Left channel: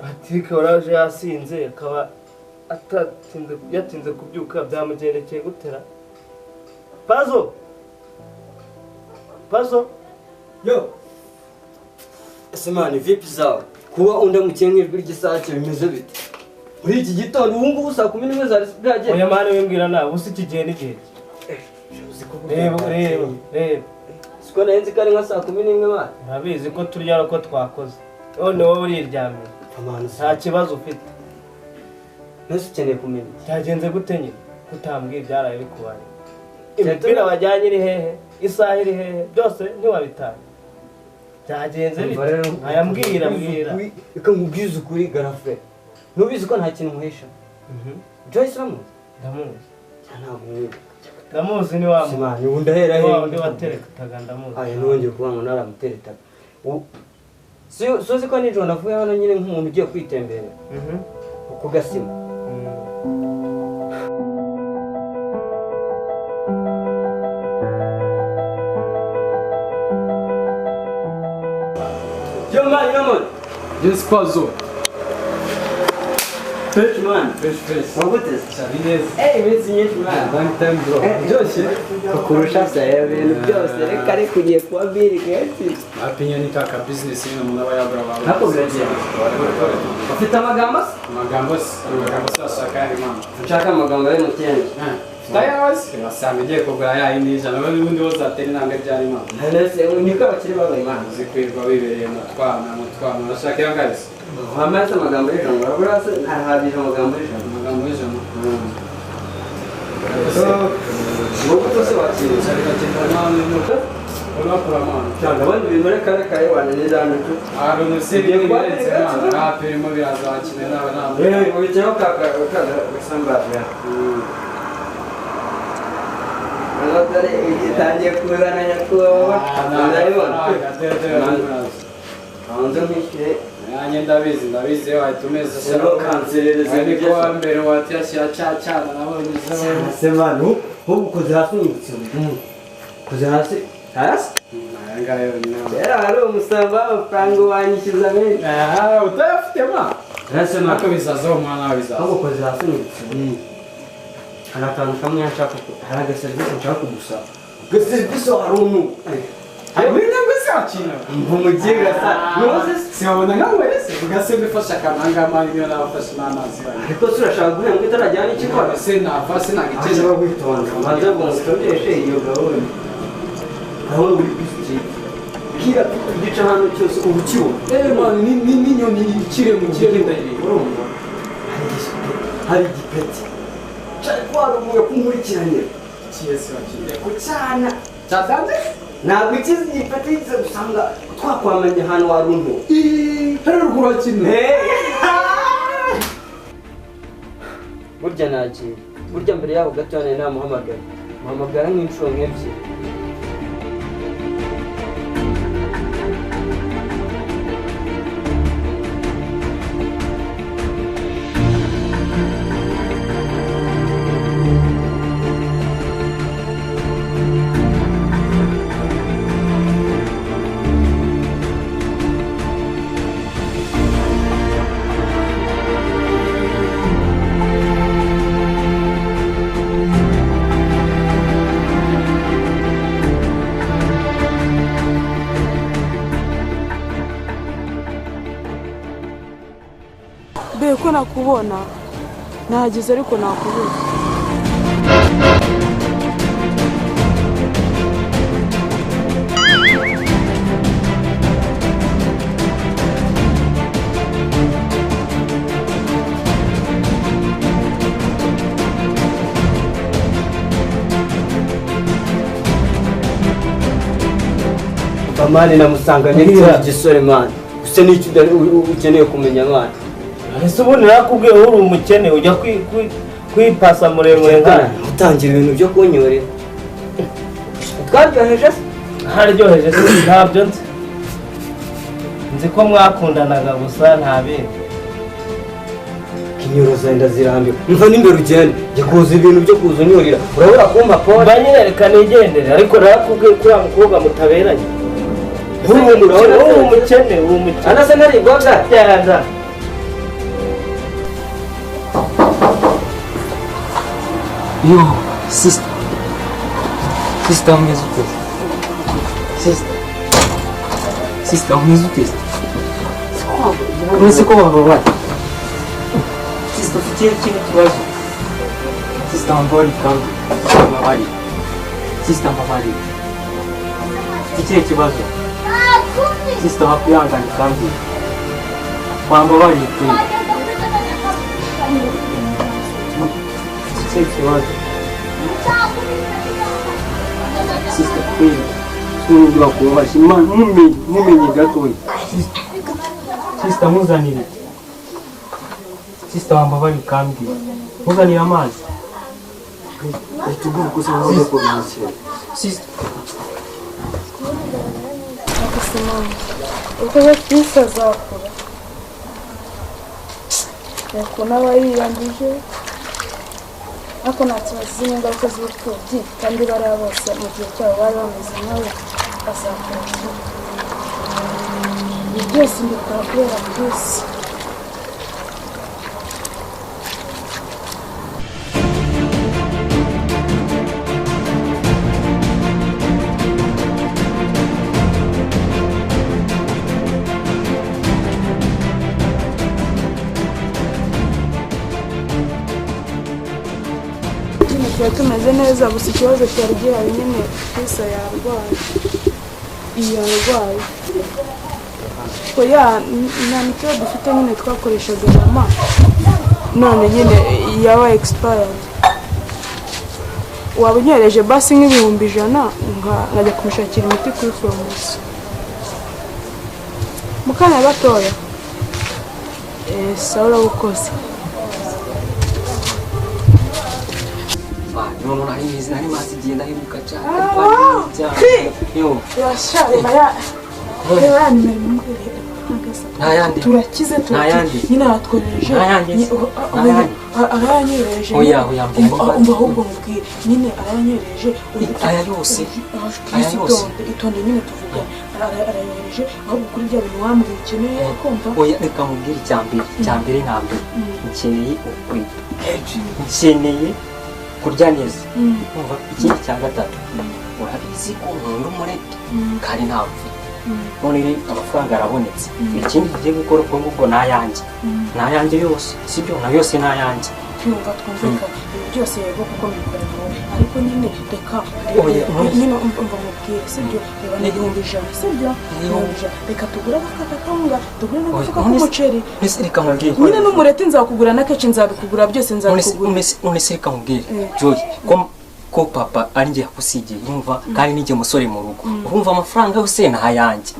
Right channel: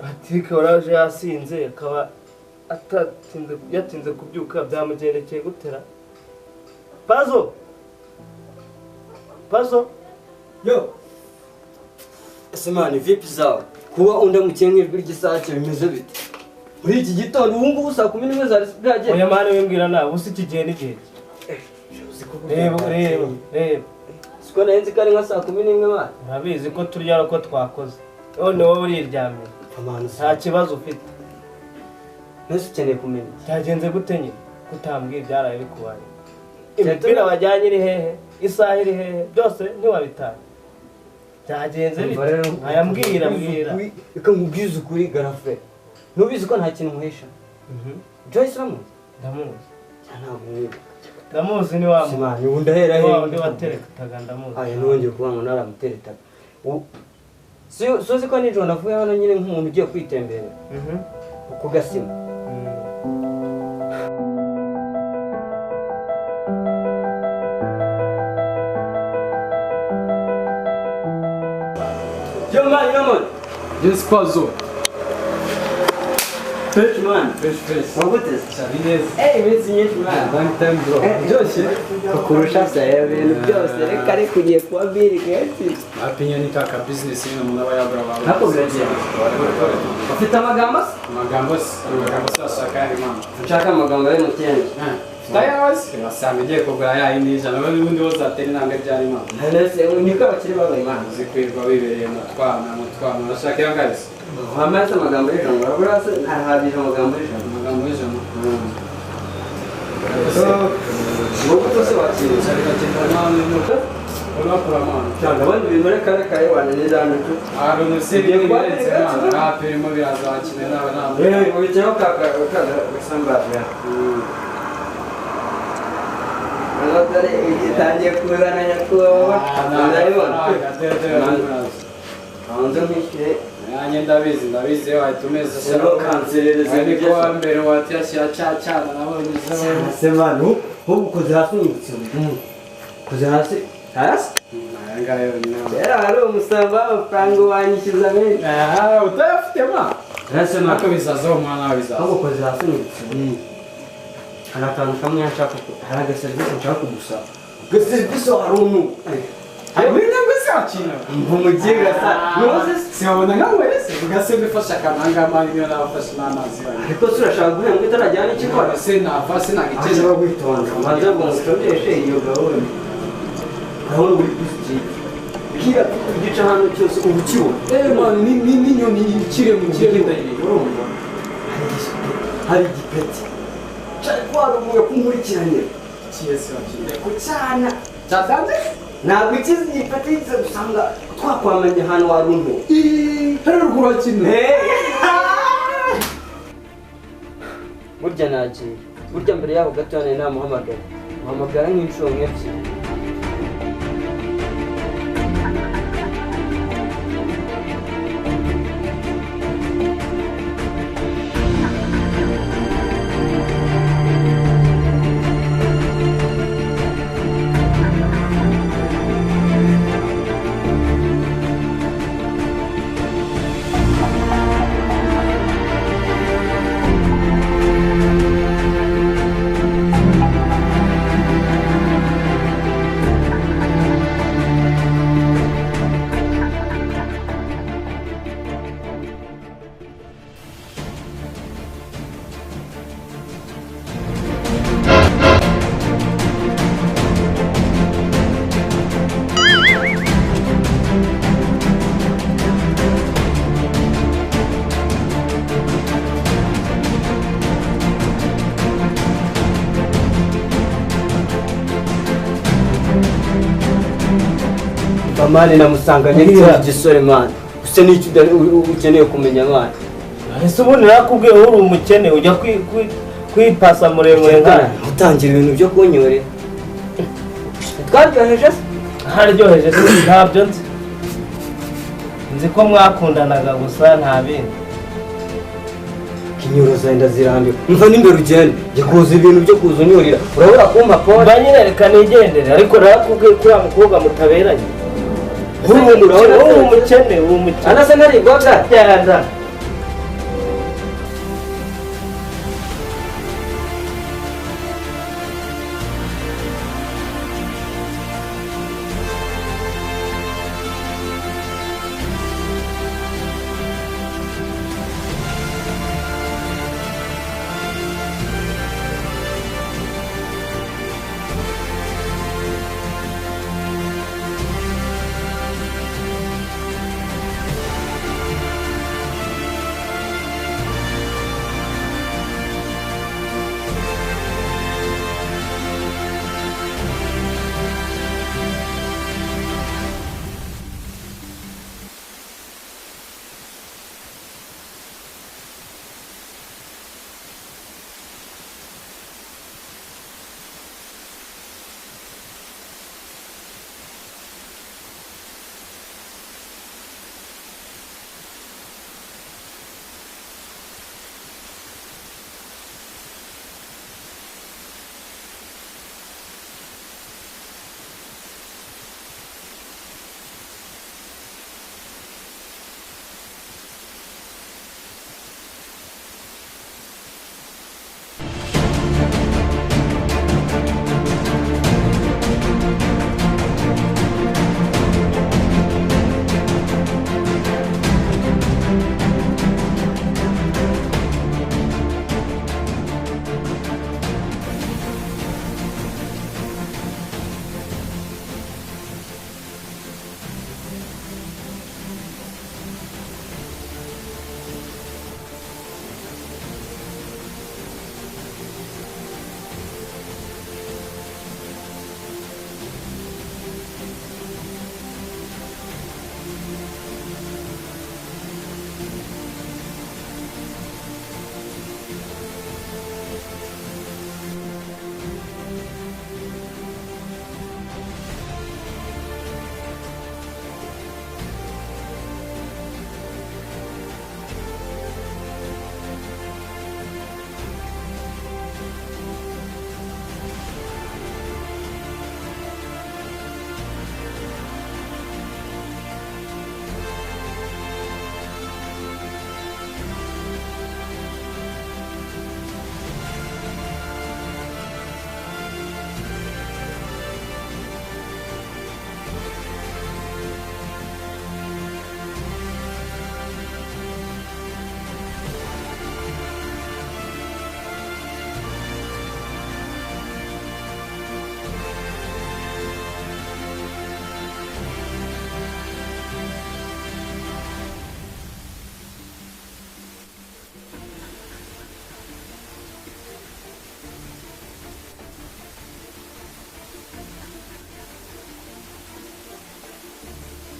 Patrick waraje yasinze akaba yatinze kubyuka byamugendekeye gutera. Pazo yo Semani vipi zawe kuba undamukiye nk'ijwi ry'isake bimeze bite muri iki gitondo ubu ngubu saa 11 zari bwagera oya mane wimbwira nawe usi kigiye n'igihe reba siko nahenze kare nka saa 11 mane urabizi ko turya ko twakoze none wowe uriryamye nta kibazo ufite nese ukeneye kumenya cyagenze gute nyine kutambwiye byaraye bikubaye imipira wajyanye iri hehe isaha iri hehe byose ntiwabitanga byagenze bite ayambwira reka nkubwize ukuri garafe nubizi ko nta kintu muhesha Joyce ramu ndamuzi ntabwo ndamuzi ni wa Semani ubu ndahera he undi wateretaga ndamuzi aya nongeye kuba ngo naramuteretaga sozi ko nijoro navuye hano nyine nk'umuntu ugiye kwitembera ku gasima yo man Just Pazo. fresh man Fresh. wabutse Sabines. iminsi myinshi man Long time bro. byose kurusha saya ibintu byose reka ari kugiye kuba biri kenshi Apinya ni kaka business ino muna bayabra baba. Nako biragiye. Ufite amagambo Amagambo sasa kandi mama. nshaka amagambo ari mu cyenda Tayawas. Basanga igiye kugura ya indi jana n'ubundi wose atari nanga byari mama. nese niko bakiri babaye man Zikwirwa bibereye mu twana bashaka yangaze. wamaze amagambo y'ijambo urase ntahabije amagambo y'ijambo Amagambo y'ijana. wowe tose wakiriye Sarika cyane n'uko Olapura mama. cyangwa abandi bintu reka wananira cyo Arone sebiye birenze mama. Apirimo birazakina n'abana. ubicyeho kaka gasambaje Dore igitangiye kuzana nyakubahwa ndabibona hanze nk'ishyire nanjye ndabizi watumeze sero kanserereze niko wa mbere watyashyira cyana nabonye semanu ukoze hasi ukoze hasi ngayo era hari umusamba w'amafaranga wanyishyuza menshi utayafite ma nasema nako bizazaho umwana wabizaza ukoze hasi hari akantu kamwe nshaka hari agaserivisi nshaka kugusaba agaserivisi hari umuntu Abina mbesakina umugiga sa nuze siabona ngawe wese ugasembe fasha kamanga mani niyo nabafasha n'amazi bane ariko surashaka guhembwa itarajyana ikikora se nafase nagiceje bagwitonda maze ngo mutondeshe iyo gahunda aho uri kwisi kira igice hano cyose ubu kibona man ni nyoni ikire mu kirere ndayire urumva hari igipeti cyari kwarubuye kumurikiranye kiyese wakire kucyana cyadanje ntabwo ikizi igipeti gize gusanga twakwamenya ahantu waruntu hari ruguru kimwe burya nagiye burya mbere yaho gato nari muhamagara nk'inshuro nk'ebyiri ko nakubona nahageze ariko nakubura Bamani namusanganye n'igisore man use n'icyo ukeneye kumenya man ese ubundi nakubwiye uri umukene ujya kwipasa muremure nkana utangira ibintu byo kunyorera twaryoheje se haryoheje se ntabyo nzi ko mwakundanaga gusa nta bindi kinyoro zenda zirambiwe mva n'imbere ugende jya kuza ibintu byo kuza unyorera urabura kumpa pole mba nyine reka nigendere ariko narakubwiye ko uriya mukobwa mutaberanye uri umukene anasa ntarigwaga genda Yo, sister. Sister, umeze ute? Sister, umeze ute? Uretse ko wababaye. Sister, ufite ikindi kibazo. Sister, wambaye kandi wababaye. Sister, wababaye. Ufite ikibazo. Sister, wakwihanganye kandi wambabaye kuri. Sister, ntugura kubabaza Imana mumenye gatoya. Sister, muzanire. Sister, wambabari kandi muzanire amazi. Tugomba kusangaho ko nashye. Sister, Simone, uko Kristo azakora nuko nawe yiyandije ariko ntakibazo n'ingaruka z'ubupfubyi kandi bariya bose mu gihe cyabo bari bameze nawe bazakora ibi byose mbikora kubera Kristo. Tumeze neza gusa ikibazo cyari gihari nyine Kristo yarwaye nta miti dufite nyine twakoreshaga mama none nyine yaba expired waba unyereje basi nk'ibihumbi 100 nkajya kumushakira imiti kuri farumasi mu kanya gatoya sawa ukoze no nahise nari masigiye ndahiruka cyane. Yo, Ntayandi. Turakize nyine aratwohereje. Aranyereje. Oya. Umva ahubwo mubwire. Nyine aranyereje. Aya yose. Itonde nyine tuvuga. Aranyereje. Ahubwo kuri bya bintu wamwikeneye kumva. Oya reka mubwire cyambere ntabwo. Nkeneye kurya neza. Ikindi cya gatatu. Urabizi ko umuntu muri kandi ntabwo. None amafaranga arabonetse. Ikindi tugiye gukora uko nguko nayanjye yose. Sibyo na yose nayanjye. Cyumva twumvika byose yego kuko ariko nyine reka nyine umva mubwire sibyo n'igihumbi 100 sibyo reka tugura akakanga tugura n'umuceri reka mubwire nyine n'umureti nzakugura n'akeci nzabikugura byose nzabikugura none reka mubwire Joy ko papa ari ngiye kusigiye yumva kandi nige musore mu rugo urumva amafaranga yose nahayanjye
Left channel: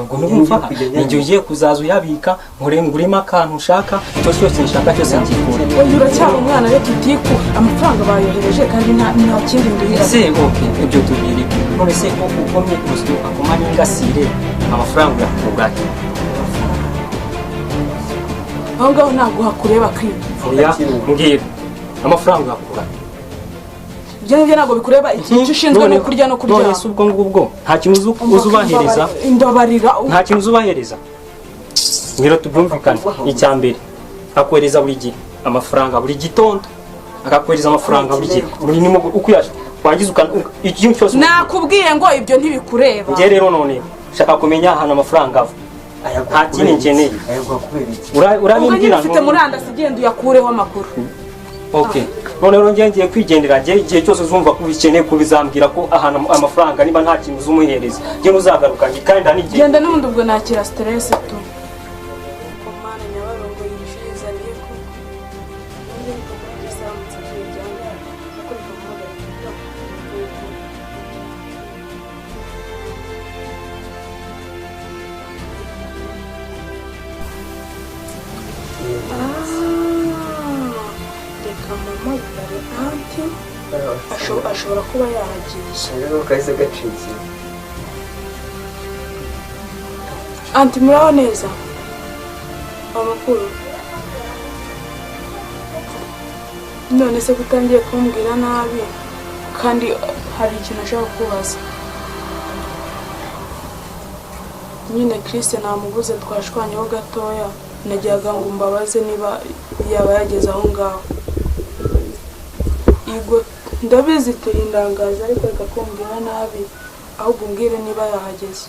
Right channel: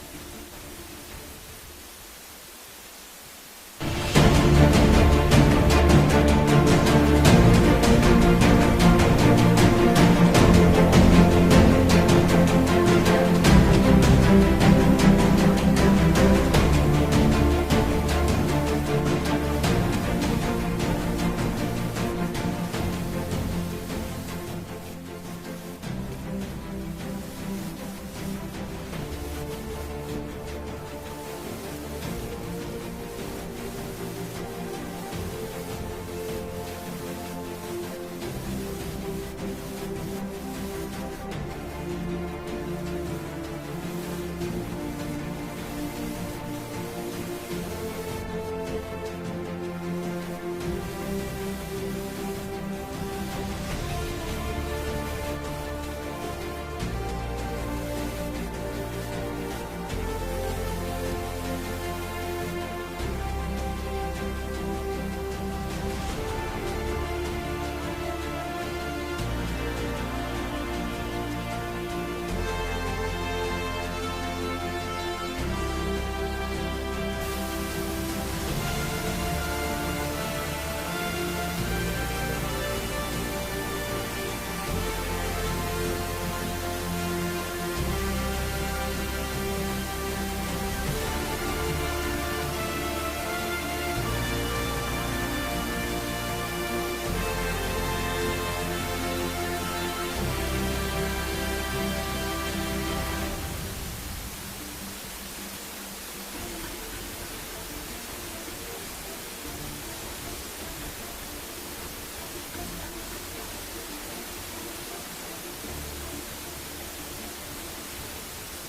ubwo numva ninjye ugiye kuzaza uyabika ngurema akantu ushaka cyose nshaka cyose ngikura niba cyangwa umwana reka utiku amafaranga bayohereje kandi nta kindi ese ibyo tubiri none se ko ukomeye kuzuka kumanya ngasire amafaranga yakuganye aho ngaho ntabwo hakureba kwiba oya mbwira amafaranga yakura Njye ntabwo bikureba icyo ushinzwe no kurya no kuryama. None ubwo ngubwo nta kintu uzubahereza. Imbabarira. Nta kintu uzubahereza. Ngiro tubyumvikane icyambere. Akwereza buri gihe amafaranga buri gitondo. Akakwereza amafaranga buri gihe. Buri nimo ukuyaje. Wagize ikintu cyose. Nakubwiye ngo ibyo ntibikureba. Nge rero none shaka kumenya hano amafaranga ava. Nta kintu nkeneye. Urabimbwira ngo ufite murandasi genda uyakureho amakuru. Okay. None rero ngiye kwigendera igihe cyose uzumva ubikeneye kubizambwira ko ahana amafaranga niba nta kintu uzumuhereza nge uzagaruka kandi n'igihe genda n'ubundi ubwo nakira stress tu ashobora kuba yahagiye rero kahise gacitse anti muraho neza amakuru none se kutangiye kumbwira nabi kandi hari ikintu ashaka kubaza nyine Christian namubuze twashwanyeho gatoya najyaga ngo mbabaze niba yaba yageze aho ngaho Yego ndabizi turindangaza ariko reka kumbwira nabi ahubwo umbwire niba yahageze.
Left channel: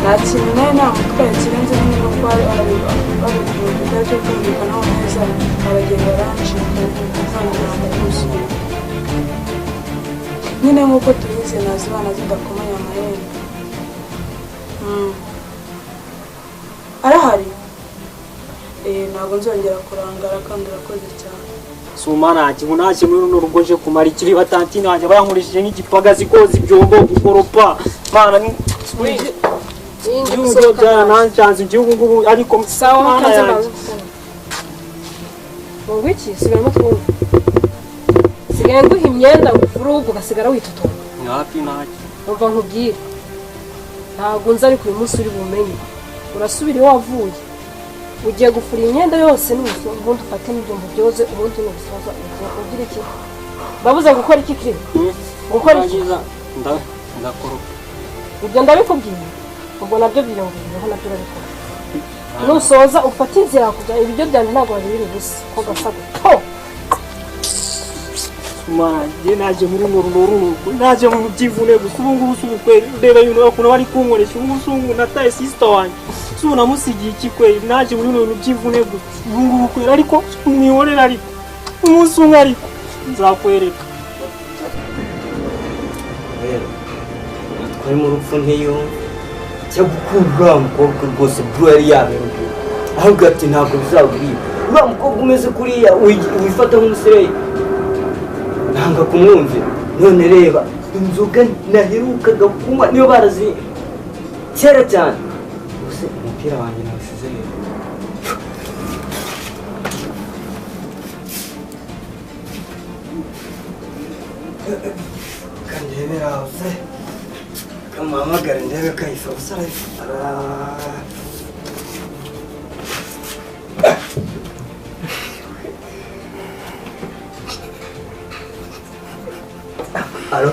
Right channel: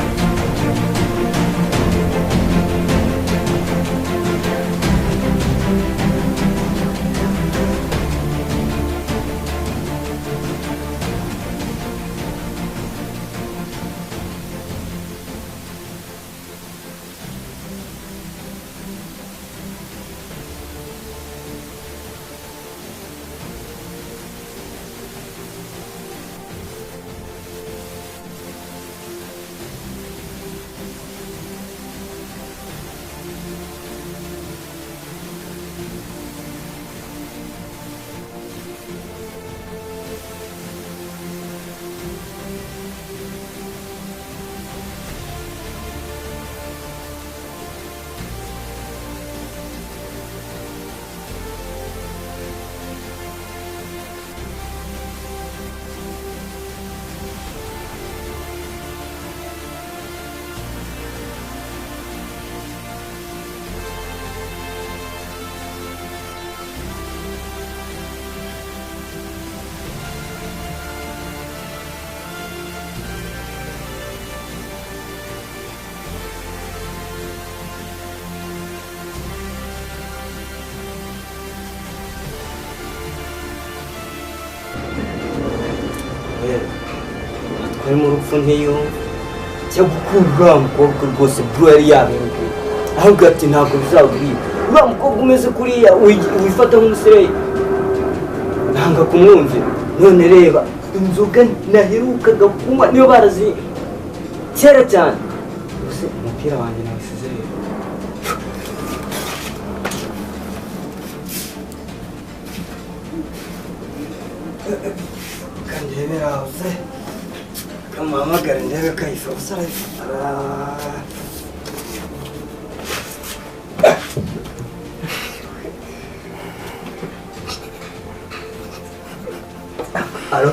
Nta kintu nawe namutwaye kirenze niba kuba baragira ibibazo byumvikanaho neza baragenda baranshinga nyine nk'uko tubizi nazi imana zidakomeye amarembo. Arahari? Ntabwo nzongera kurangara kandi urakoze cyane. Sumana kintu nake muri runo rugo je kumara ikiri batantine wanjye bayankurishije nk'igipagazi koza ibyombo gukoropa mana ni Yuko jana nanchanze igihugu ngubu ariko sawa kaza bawe. Mungwiki sibemo kumva. Sigaye nguha imyenda urugo gasigara witutura. Napi nake. Urva nkubwire. Ntabwo nzi ariko uyu munsi uri bumenye. Urasubira wavuye. Ugiye gufura imyenda yose n'ubuso ubundi ufate n'ibyombo byoze ubundi n'ubusaza nakubwira iki. Babuze gukora iki kiri? Gukora iki? Ndakora. Ubwo ndabikubwiye. Ubwo nabyo byiyongera hano kuri ariko. Nusoza ufata inzira kujya ibyo byanyu ntabwo ari ubusa ko gafata. Ye naje muri ngororo naje mu byivune gukubu ngubu subukwe ndeba yuno bakuna bari kunkoresha ubusungu nataye sister wanjye suna musigi ikikwe naje muri ngororo byivune ngubu kwera ariko niworera ari umunsi umwe ariko nzakwereka twari mu rupfu ntiyo cyo gukura umukobwa rwose bro yari yaberuka ahubwo ati ntabwo bizagurira uriya mukobwa umeze kuriya wifata nk'umusereyi nanga kumwumvira none reba inzoga naherukaga kunywa niyo barazi kera cyane gusa umupira wanjye nawusize rero kandebera hose kamuhamagara ndebe kayisa gusa arayifara Alo?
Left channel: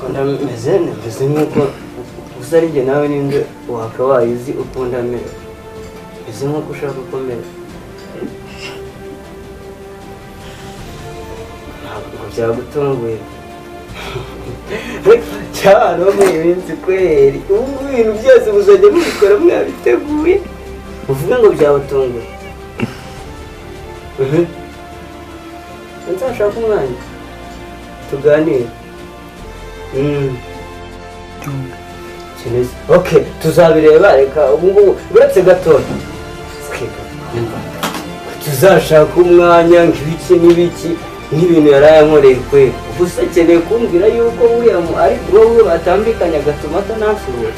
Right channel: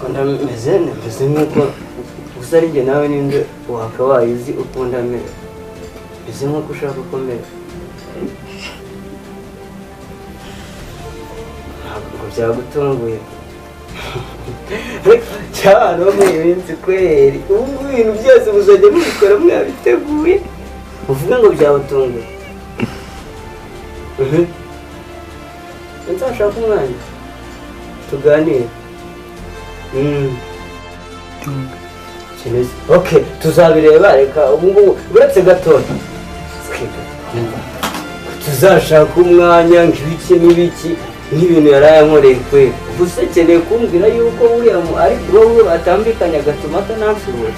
Kunda meze nk'uko gusa ari njye nawe ninde wakabaye uzi uko ndamera meze nk'uko ushaka uko mera ntabwo byagutunguye cyane mu minsi kweri ubu ngubu ibintu byose muzajya mubikora mwabiteguye uvuga ngo byabatunguye nzashaka umwanya tuganire okay tuzabireba reka ubu ngubu uretse gatoya tuzashaka umwanya nk'ibiki n'ibiki n'ibintu yarayankoreye kweli ubu se ukeneye kumbwira yuko uriya ari bro we batambikanye agatuma atanasubira